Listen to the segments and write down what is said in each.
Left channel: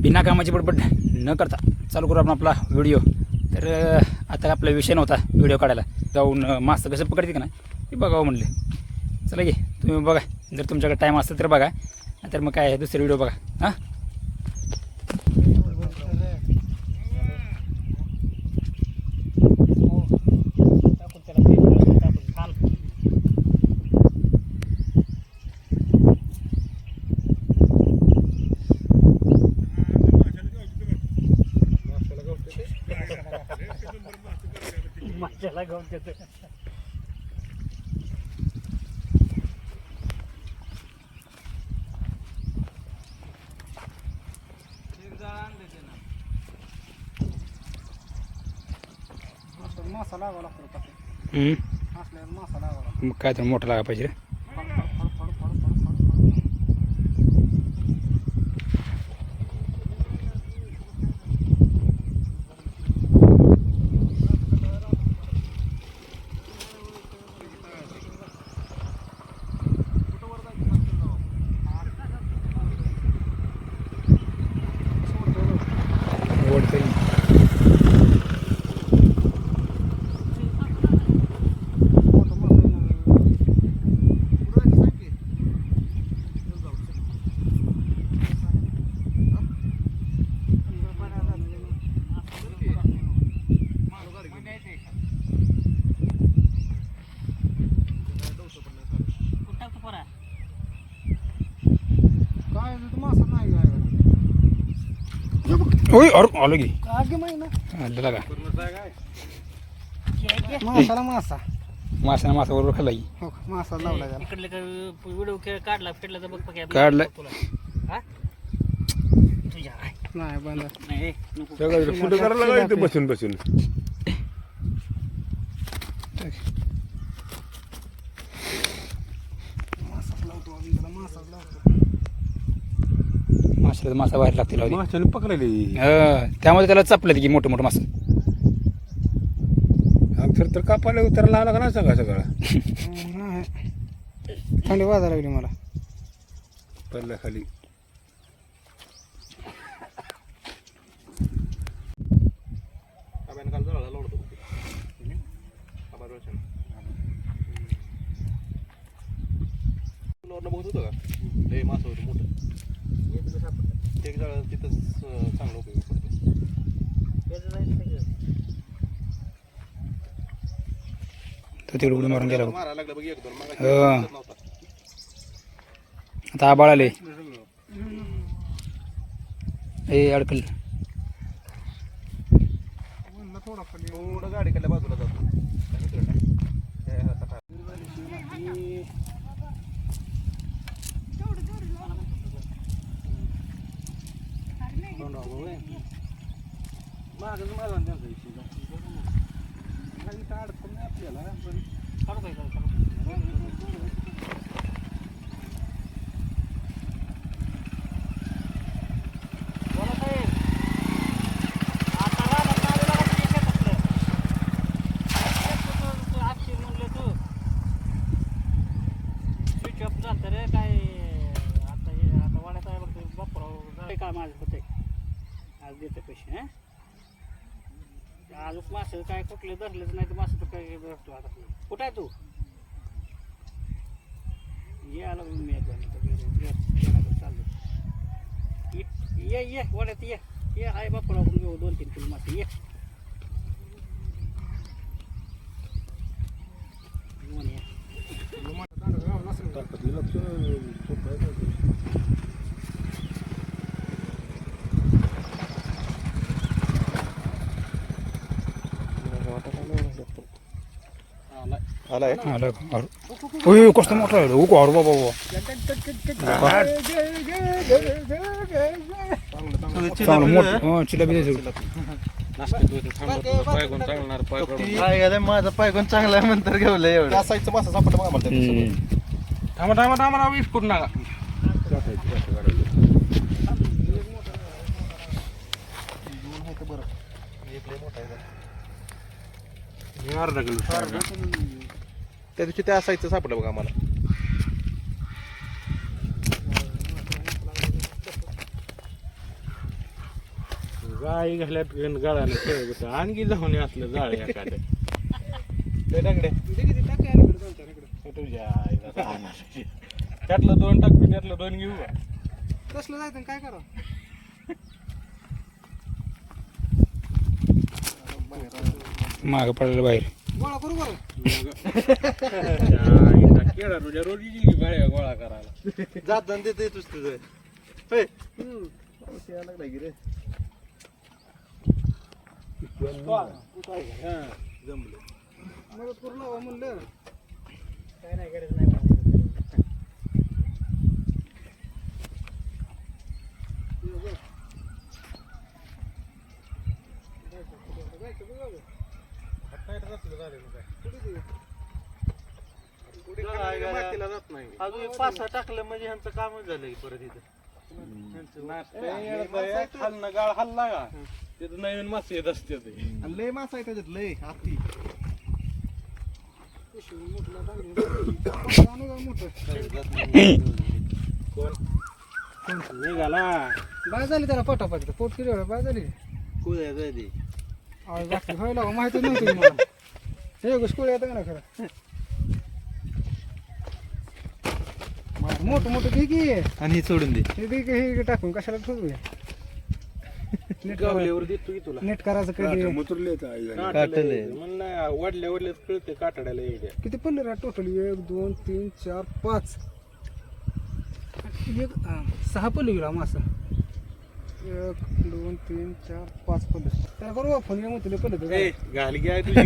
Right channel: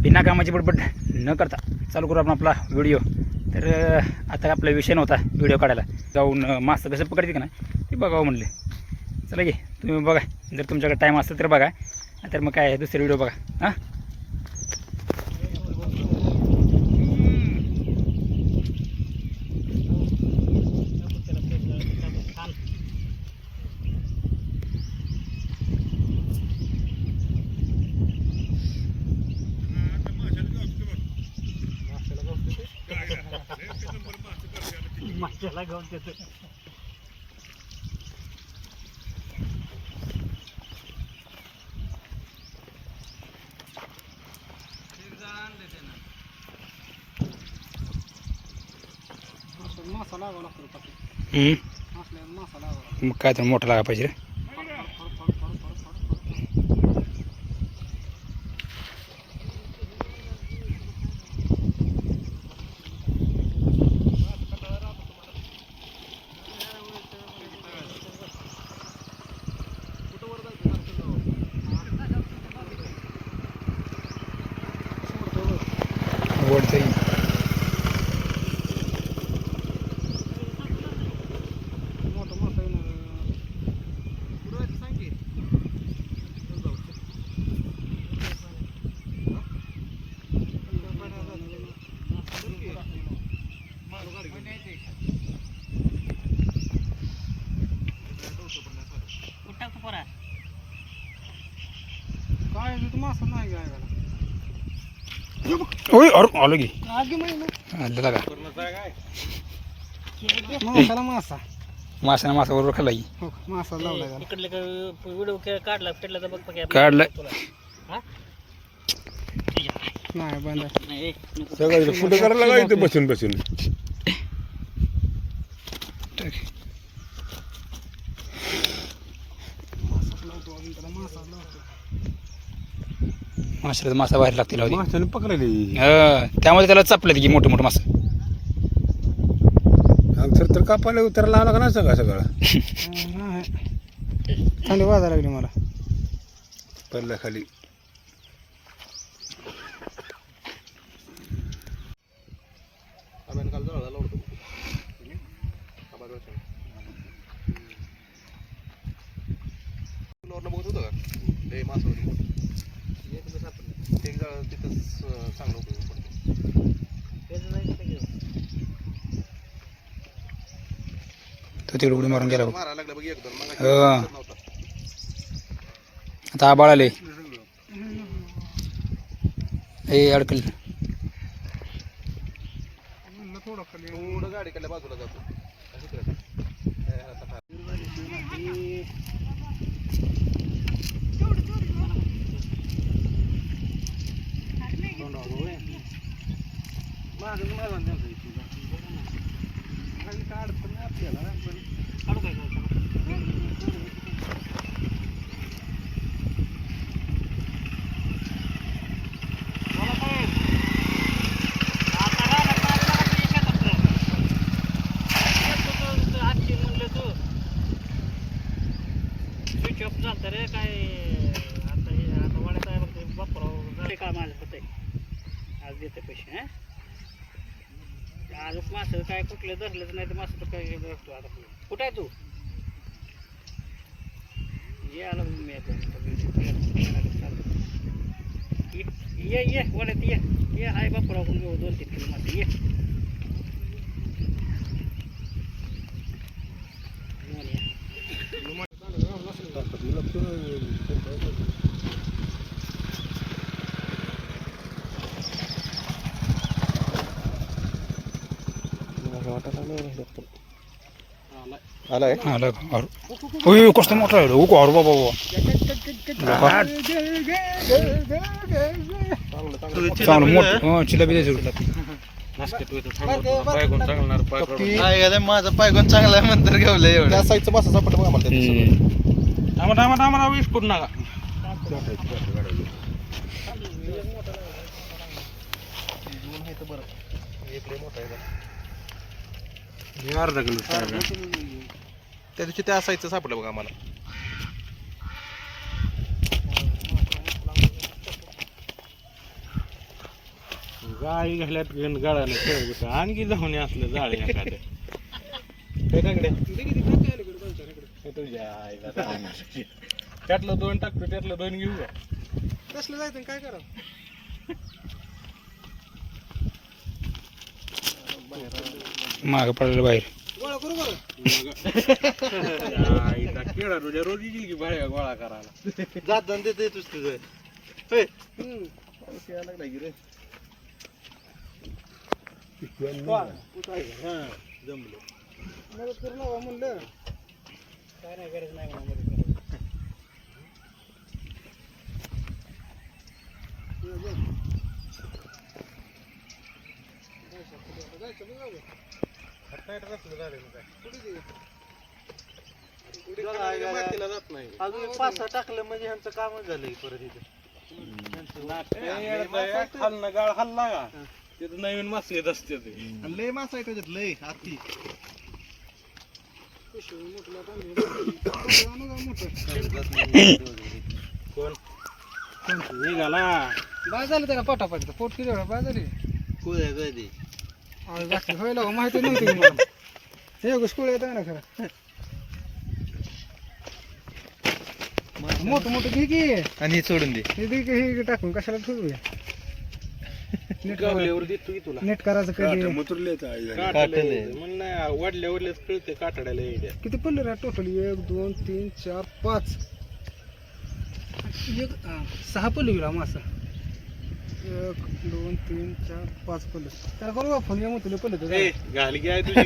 बिना कामाची बडबड न करता चालू करू आपण आपला व्हिडिओ. तर आता आपला विषय नव्हता व्हिडिओ काढायला. जाऊन अं, कसं पकडते का ना ते बघावं म्हणले. चला घे तुम्ही बघा. जर तुमच्याकडे टाईम असेल तर बघा. तर मग काय दुसरे व्हिडिओ बघा. हां? माशाला घेऊन देतो मासा लागावा लागतो. असल्यावर मासा लागावा लागतो मग काय तर मोठं लागा पाहिजे would think. ओय अरे आलो की आगे महिना आलं लागा मासाला मासा माशाने मासा बरोबर खाल्ला की हो मासा लावला त्याला इकडले व्हिडिओ काढला पेटला तर बघ बघ काढलं हा? नाही बंद नाही नको सगळं फुटं करायला लागायचं बसून बसून मासाच लावतो अजून लावतो माशाला मासा बाहेर लागतील लावली माशाने पकडायली त्यामध्ये त्याला चपलेत की मोठं मोठं मासं. आमचं तर कापायला उतरायला लागला का नाही सगळं सगळं? थंडी वाजायला लागली मला. पडल्या खाली. बघत होतं का? मासा होते मोठे. तिथंच चांगलं उपयोग पडतो तो तिकडे उडी मारून गेला बघ. मारायला लागलं बघ एक दोन. मग. नव्हता. आता आबाळ आले ए अडकल. थोडं खाली. थोडं गाडीकडल्या बाजूला जातो आणि इकडे टाक. हे आता टाक. मागच माझा त्यांचा इथे अडचण नाही आपल्याला पण काढू काय काढू बोला साहेब आता राहणार मारायला का तुझ्या शेतातलं? तू- तू हातची म्हणलं तू स्विच ऑफ झालं रे काय आता हे आता वाड्यात आहे बघ ते बापराव काय माझ्या होतंय आज देते पैसे हं आजच मासं काय कुठले धरलेच नाही तर मासं तर काय भेटतो आता कुठे आहे तू? ये आला मी ये ये ये वड्यात ये. ये आहे बापराव आपण घेऊ दोन तीन किलो मासे. ये. लक्ष आलाय? आलं अरे ओय कसं मोठं आहे अरे बाबा बाबा. चांगलं मोठं. चिला बी माझा पायगोन चांगला म्हणतर घेवलं एवढं. साईडचं मासा सापडलं मग आम्हाला. आम्हाला आम्हाला आम्हाला वीस फूट नागा त्या दिवशी त्या साईडचं सापडलं बघा आम्हाला. गाळी घालत गण गाळानं खेळ बस आणखी जाऊन असलं जाळ एखादं. ते टाकड्या हे तुझ्या आईला जाणार. त्यातलं दोन टाकतो त्यातलं दोन घेऊ का कसलं जायचं काय करा मागं पडलेलं बाहेर. गोळा करायला जाताना देते तुझ तुझं जमलं करू नका म्हणलं काय नाही गरज नाही अजून पाच सहा टाकलं म्हणजे ह्यांचं कामच झालंय परत इथे. खाल्ला गाळ हल्ला का तिथं नवीन मासे येत असते ते आणि लय मासा आहे त्याच्यात लय आती निघाला. बाय झालं त्याला पोटापाटी पोट किती बाय झाली कुठे बाकी व्हायला माहिती नव्हती मला. हे घुसकुळ येतं ना खरं. मोठं मोठं घे की. आणि हे सोडून दे. हे दे की हे टाकून कशाला ठेवू नीट करायचं गावल्यावर देतो की तुला. नीट करायचं कधी? काटले म्हणलं वाढल्या वाढल्याच कळते काटाड्याला येड्या किती पडले रे? टोटल एक दोन तीन चार पाच. एक हा, सहा पडले गेला मासा. एक दोन तीन चार पाच पडले त्याला बरोबर फोन घ्या मग तुला पडले ए, घाल घ्या तुझी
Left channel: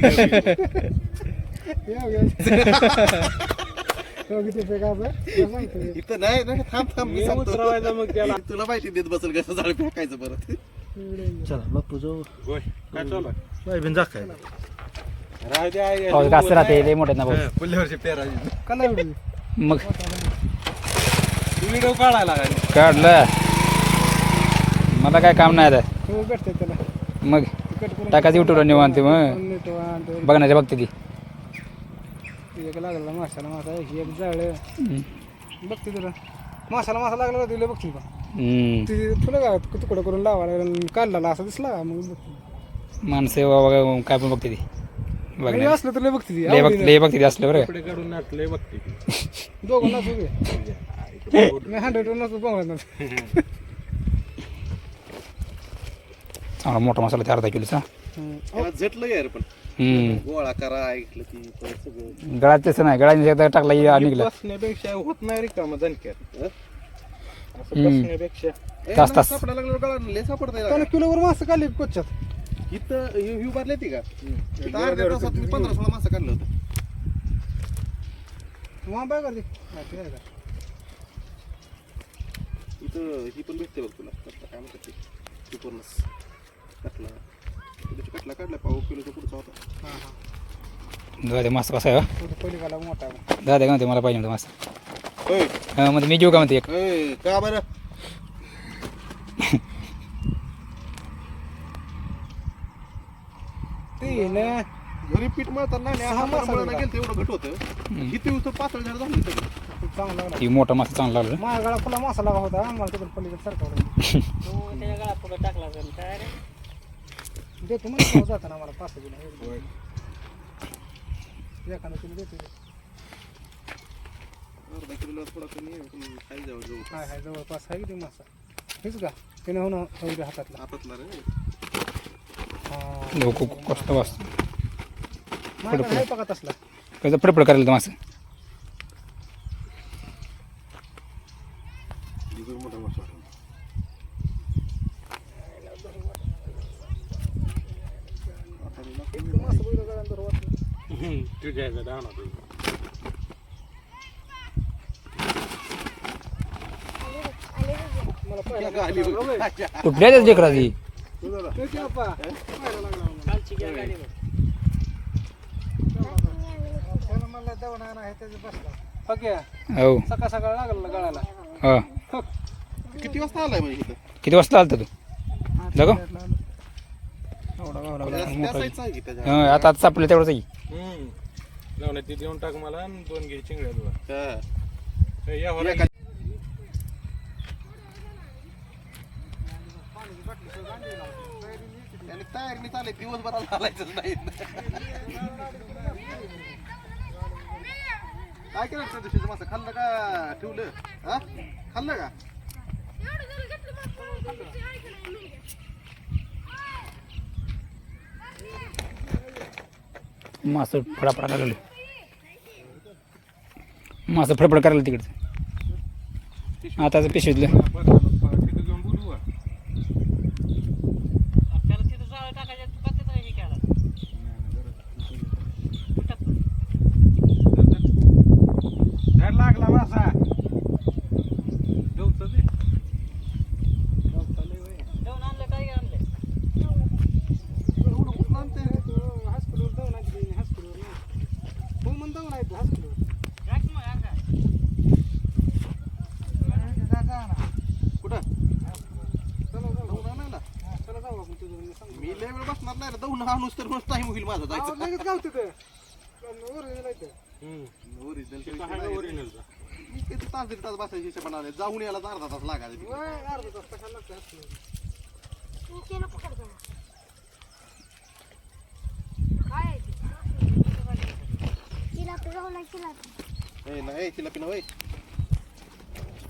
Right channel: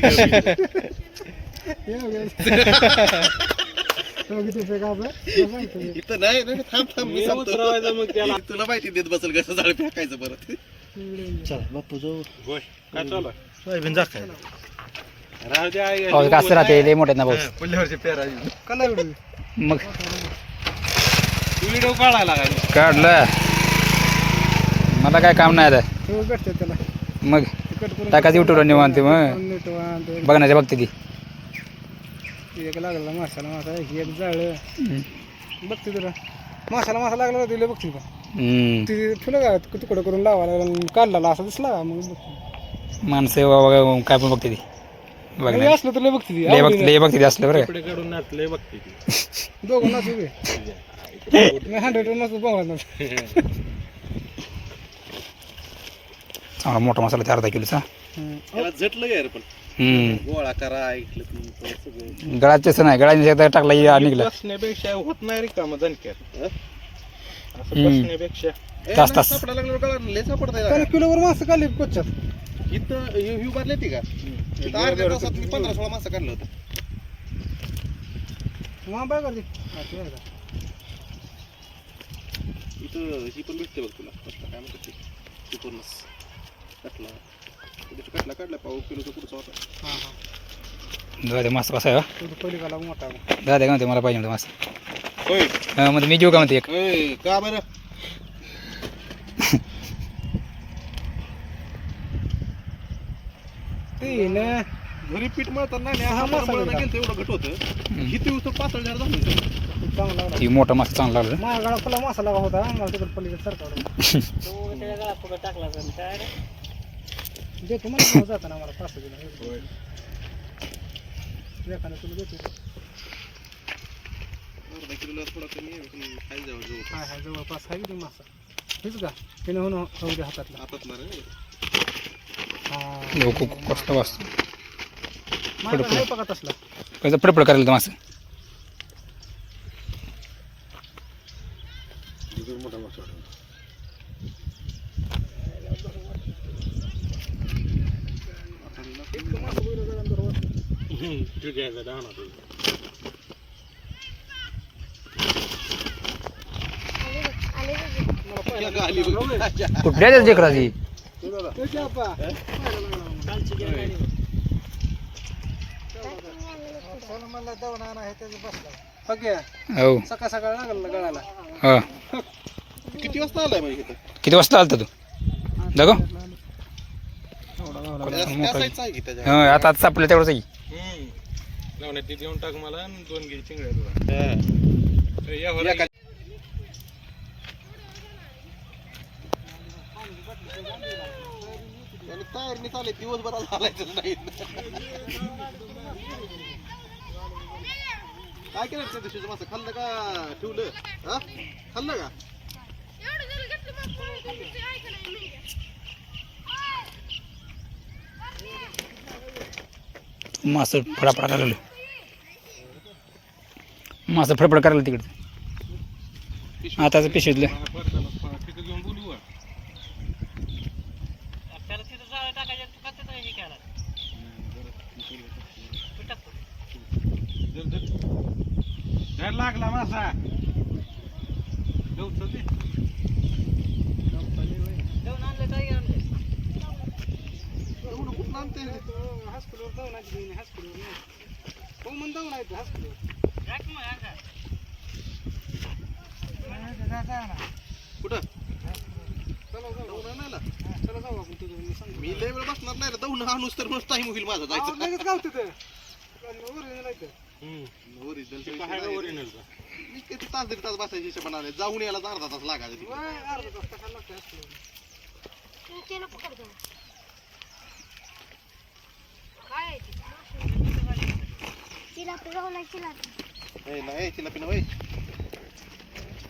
गावी. इथं नाही नाही थांब थांब मी सांगतो. मग त्याला. तुला माहिती देत बसेल कसं झाड फेकायचं परत. चला बापू जाऊ. गोय काय चालू आहे? सोयाबीन जास्त राहू दे आई पाऊस कसं राहते लय मोठे ना पाऊस. वर्षी पेरा मग व्हिडिओ काढायला लागला. काढलं. मला काय काम नाही आता. हो भेटते त्याला. मग तिकट करून टाकायचं युट्यूबला निवांत मग. नीट वांद. बघण्याच्या बघते ती. एक लागला माशाला मासा एक जाळं. हम्म. बघते तुला माशाला मासा लागला का तुला बघते का? हम्म. ती फुलं का तुकडं करून लावायला लागला काढला असा दिसला का मग बघते. माणसं बाबा काय पण बघते ती. हे बघण्या असलं तुला बघते ती. लय बघते लय बघते ती असलं बरं का. दोघं नाचू दे. हंड्रेड नसतो बघायला चांगला मोठा मसाला ते अर्धा किलोचा. त्याला झटलं यार पण. हम्म. गोळा करा ऐकलं ती परत सगळं. गळात तसं नाही गळाने एकदा टाकला की निघला. बसण्यापेक्षा होत नाही रे काम दणक्यात हं? असं हम्म. बसण्यापेक्षा. ए, तास- नाही, तास. सापडायला लागल्यावर कळलं, लय सापडता त्याला किलोवर मासे काढले कोच्यात इथं ही ही भरली ती का? इथं अर्ध्या तासात मी पंधरा सोळा मासा काढलं होतं. हा. इथं ही पण भेटते बघ तुला. काय म्हणतात ते? कटला. काढला पाव किलोचा पुढचा होता. हा हा. दादा मासा कसा आहे मोठा दादा काय म्हणते मला पाहिजे म्हणते मासा होय. हा, म्हणते मी घेऊ का म्हणते एक? होय का बरं? तीन घरी पीठ मळताना नाही हा मसाला मळणं का? गेलं एवढं घट होतं. किती दिवस पाच हजार झालं होतं. चांगला लागला. ती मोठा मासा चांगला लागला. माझ्या गळा फुला मासा लागा होता मला तिकडे पलीकडे सरकार त्याच्या गळा पुढे टाकला असेल काय रे देतो मला जाताना मला पाच एखादा किलो देतो. अर्धा किलोला थोडा कमी आहे पण खायला जावं हा जवळपास हा जवळपास आहे किती मासा. हेच का? त्याने होणं होऊ दे हातातला. हातातला रे. हा. लोक कसलं वाचतं. असला. कसं फडफड करायला मासा. तुझ्या दाणा कुठल्या त्याच लेकराची हो. सकाळ सकाळ लागला गळाला. हा. किती वाजता आलाय किती वाजता आलता तू? जागो एवढा गावला पण असं मोठा काय आहे की त्याच्या हा आता आता सापडलं तेवढंच आहे. ते देऊन टाक मला आणि दोन घे चिंगड्या तुला. हा. या दिवसभराला नाही काय केलं त्या दिवशीचं मासं खाल्लं का? ठेवलं? हा? खाल्लं का? मासं फडाफडा करायला मासं फडफड करायला तिकडचं आताचं पिशवीतलं तिथं घेऊन बोलू का? त्याला तिथं जाळं टाकायचं तू का तिथं हे केला तू टाक. धर लागला मासा गवतं ते. जाऊन आणलं काय आणलं एवढं कुठं आणते हायस्कूलवर जाऊन आली हायस्कूलवर हो म्हणून जाऊन आहे हायस्कूलवर जा की मग, अंगा. कुठं चला जाऊ जाऊन आणायला? चला जाऊ आपण तुझं मी लय वेळ बसणार नाही रे. जाऊन आणूस तर टाइम होईल माझा जायचं. लगेच गाव तिथं ओरिजिनल आहे ते. काय ओरिजिनलचा मी किती तास दीड तास बसायची हिशोबाने जाऊन यायला तर अर्धा तास लागायचा. अर्धा तास हायस्कूलवर तिला तिला ए, नाही तिला पिन वय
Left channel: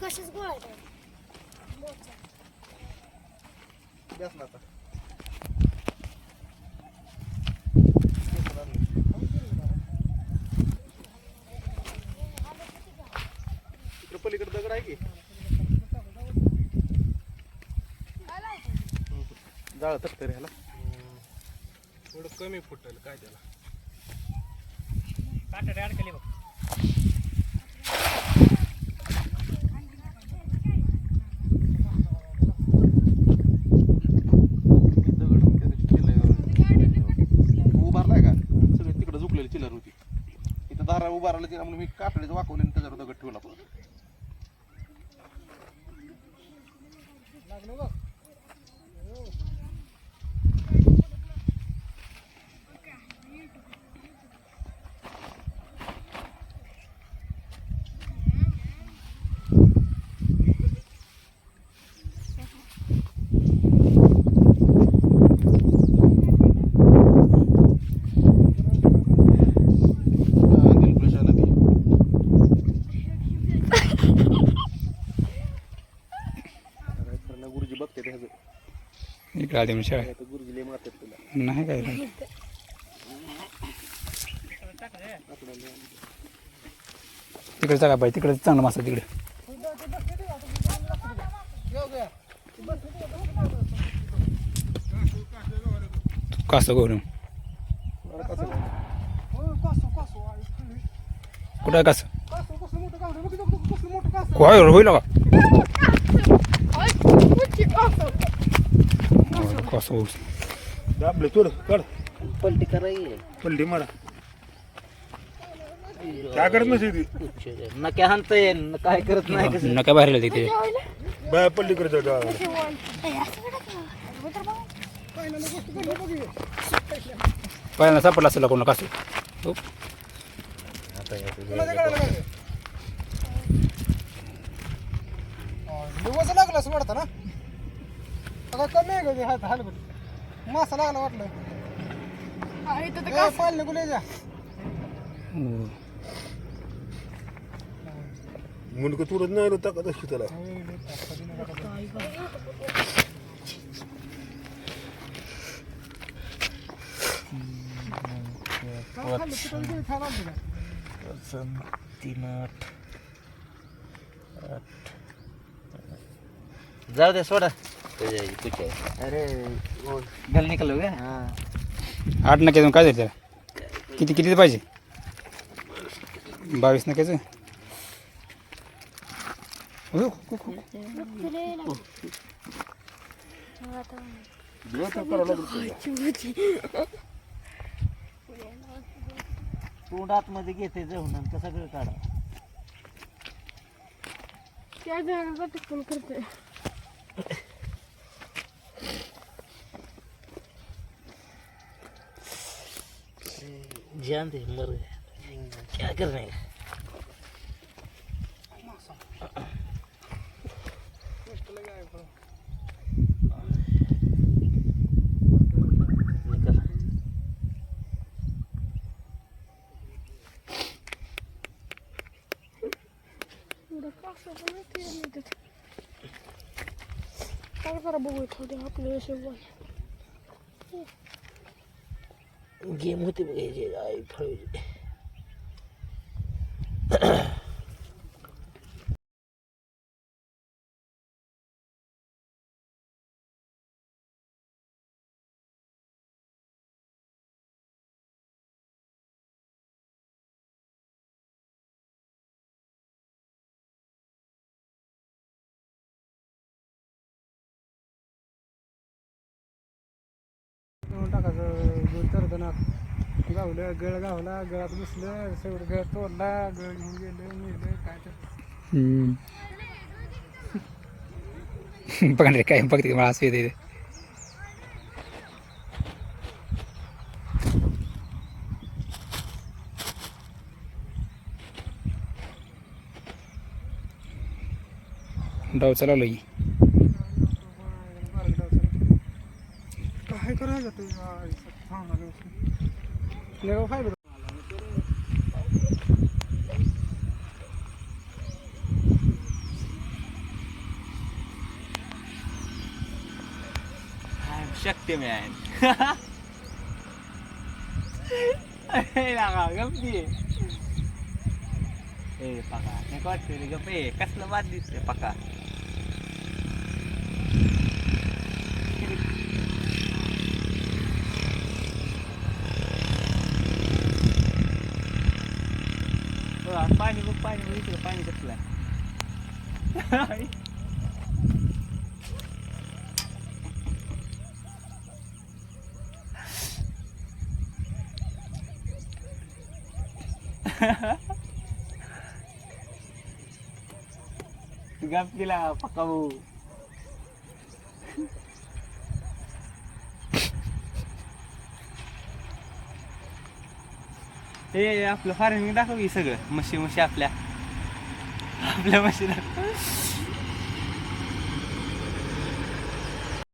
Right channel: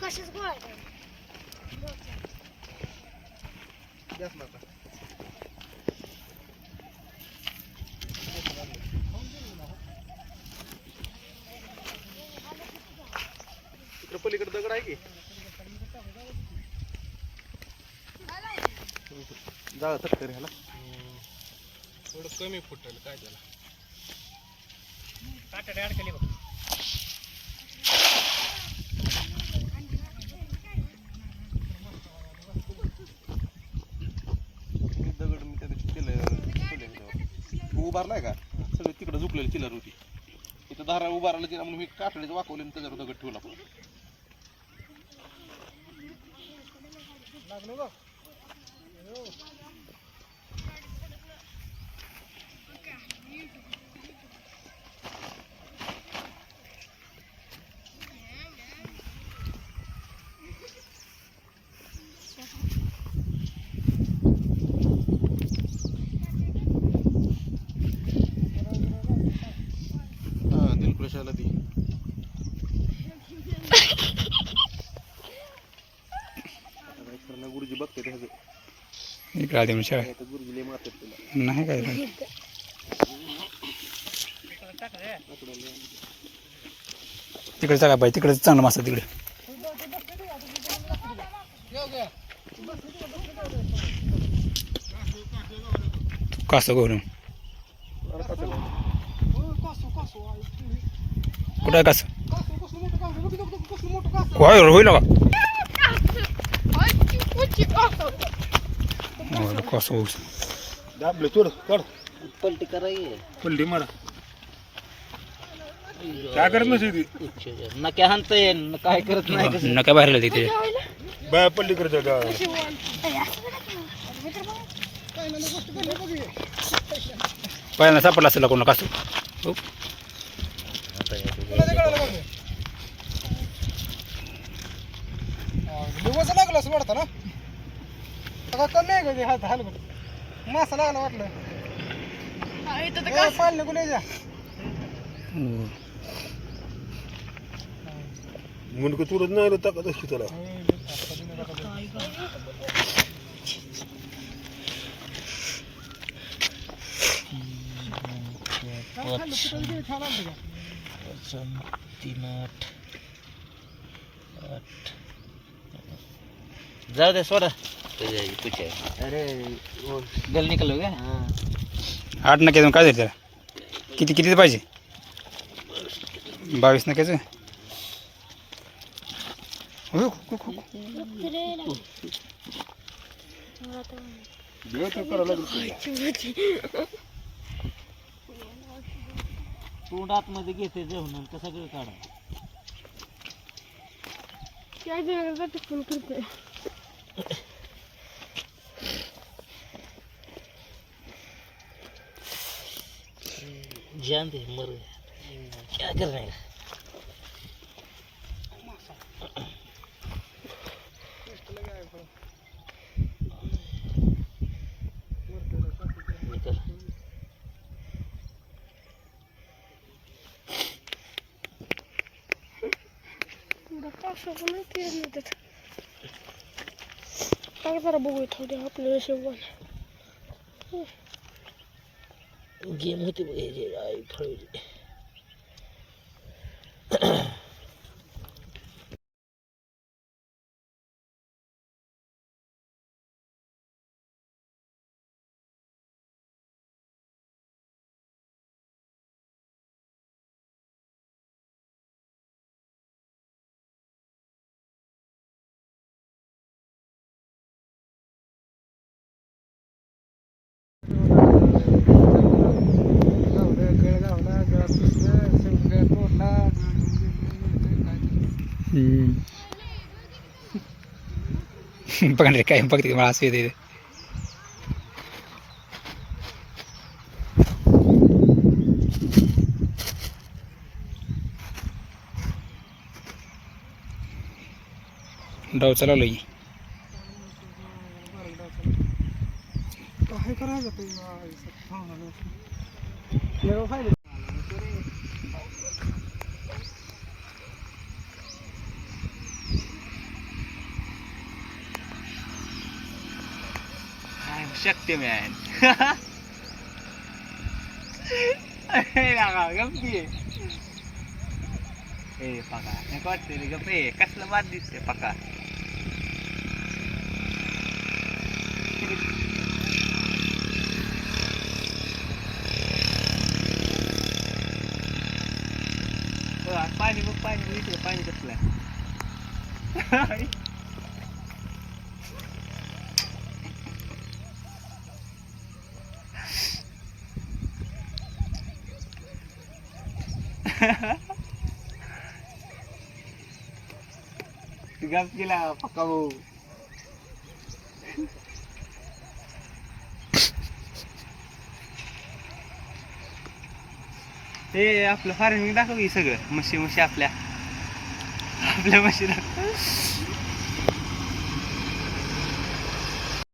कशाच गोळा द्यास ना आता. तिकडं पलीकडे दगड आहे की जाळ तटकरी ह्याला. थोडं कमी फुटल काय त्याला. काटे अडकले बघ. उभारलाय का? सगळी तिकडे झुकलेली चिलर होती. इथं दारा उभारलं तिला म्हणून मी काठडीचं वाकवले आणि त्याच्यावर दगड ठेवला पण हा, आधी शाळा तुला. नाही काय. तिकडे चला पाहिजे तिकडे चांगला मासा तिकडे. कासं गोरून कुठं कासं? काय होईल का? होय, कासं होईल दाबलं तुड कड पलटी करायची पलटी मारा काय करत नसे ती नक्या न काय करत नाही कसं नका बाहेर तिथे बाय पलटी करत पहिल्यांदा सापडला असेल कोणाला कासू हो दिवस लागला असं वाटतं ना आता कमी आहे कधी हात हाल मासा लागला वाटलं. पाल निघून यायच्या हो. मुंडक तुरत नाही रे ताकद असते त्याला. तीन आठ आठ जाऊ दे सोडा. अरे गल निकलो का आठ नक्यातून काय झालं त्याला? किती किती पाहिजे? बावीस नक्याचं हो, हो, हो, हो. तोंड आतमध्ये घेते जाऊन ते सगळं काढा. जान दे ਜਾਂਦੇ ਮਰ क्या करने का Как заработает, да, плюс сегодня. गेम होते बघायचे आई फळायचे गळ तोडला गळ घेऊन गेलं नेलं काय तर बघा ना रे काय बघते मला असं येते डाव चालवलं की काय करायचं तू खायला शक्य मॅन गप्पी ए पका नाही वाटते रे गप्पे कसलं बाद दिसते पका पाणी बघ पाणी बघ इकडं पाणी कसलं आहे गप गेला पक्का भाऊ ते आपलं फार्मिंग दाखव की सगळं म्हशी म्हशी आपल्या. आपल्या म्हशी दाखव